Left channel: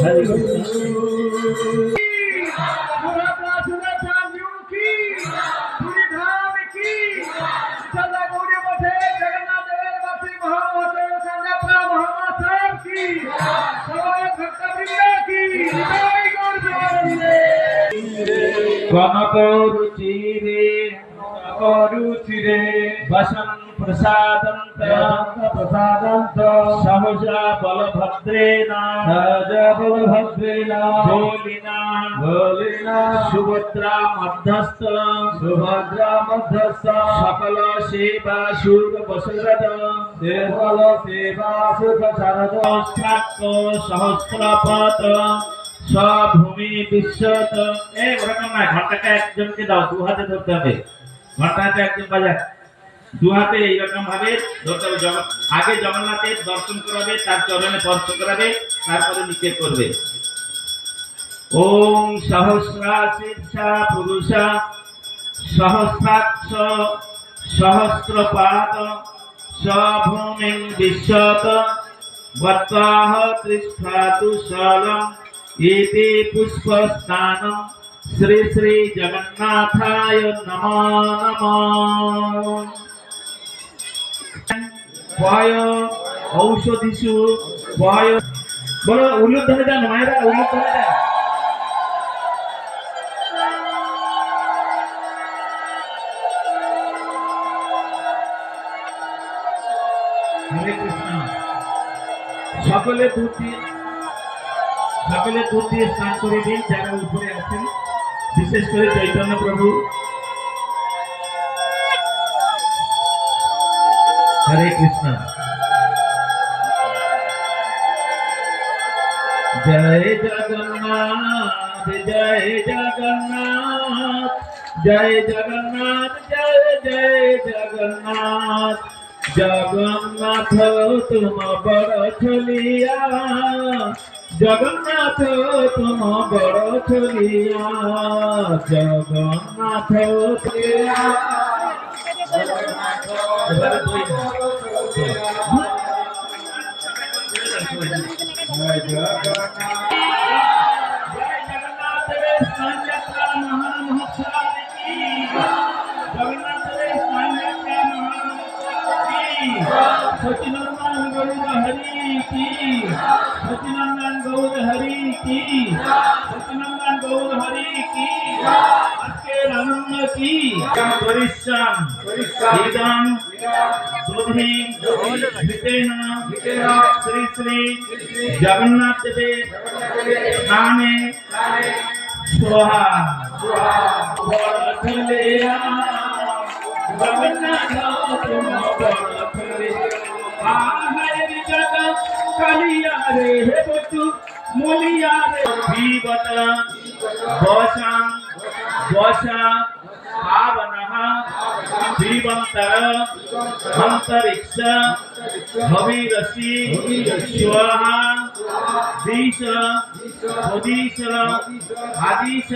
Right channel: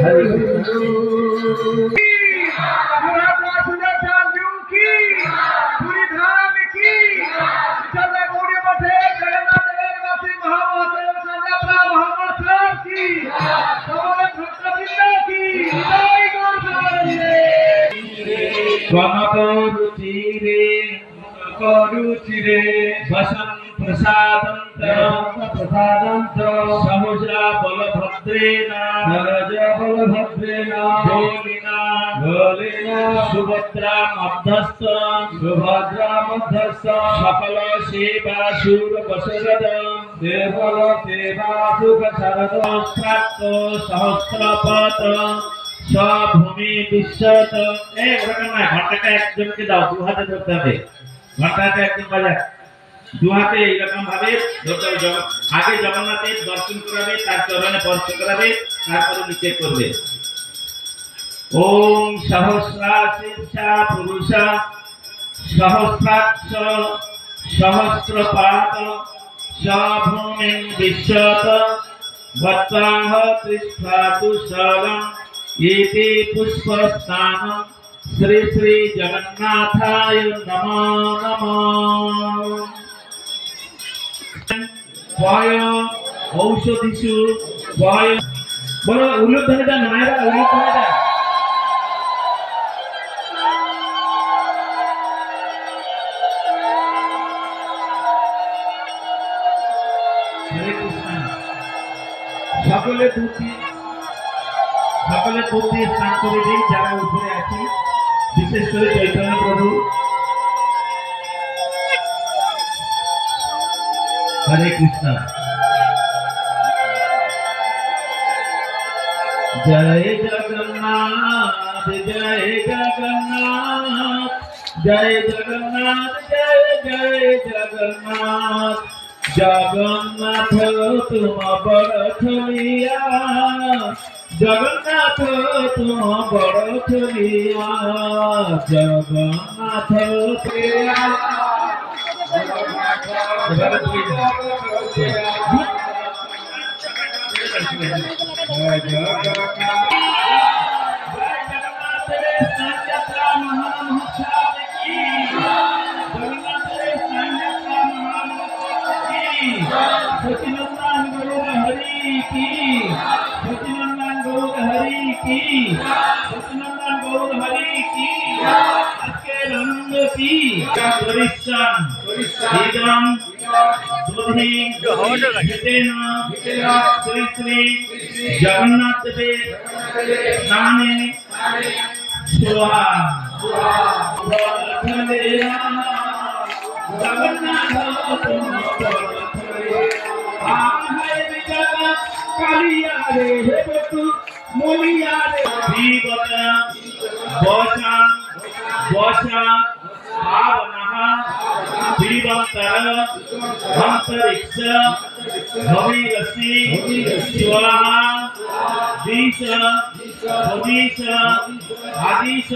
हरे करुचिरे वसन प्रसादंत सहजा बलभद्रेण बोलिना सुभद्रा मध्यस्थ सकल सेवा सुर बसरद सहस्रपत भूमि विश्वत ঘন্টাটা একজনকে দাও, দু হাতে ধরতে হবে। ঘন্টাটা একজন বাজা, দু হাতে এইরকম ভাবে ধরতে হবে। আগে জগন্নাথের দর্শন করাবে, তার চরণে স্পর্শ করাবে, তারপরে নিচে করবে। ওম সহস্রা শীর্ষা পুরুষা সহস্রাক্ষ সহস্রপাত ভূমিং বিশ্বত বত্তাহ তিষ্ঠাতু শলম इति पुष्पस्नानं श्री श्री जगन्नाथाय नमो नमः। वाय औषधिषु वाय बोलो उल्लुध्वनि दान मायरा उल्लुध्वनि दान। हरे कृष्ण। সকলে দুধ দিয়ে স্নান করে দিন যারা উপরে আছেন, বিশেষ করে চৈতন্য প্রভু। হরে কৃষ্ণ। জয় জগন্নাথ জয় জগন্নাথ জয় জগন্নাথ জয় জয় জগন্নাথ। জগন্নাথ তুম বড় ছলিয়া জগন্নাথ তুম বড় ছলিয়া জগন্নাথ सचिनंदन गौर हरि की, सचिनंदन गौर हरि की, सचिनंदन गौर हरि की, आजके आनंद की। परिश्रम इदं बुद्धि हितेन श्री श्री जगन्नाथ देव नामे स्वाहा। जगन्नाथ तुम कालिया रे हे बतु मोलिया रे जीवत वशा वशा भावनः जीवंतर अंतरिक्ष भविरसि स्वाहा दिश आदिश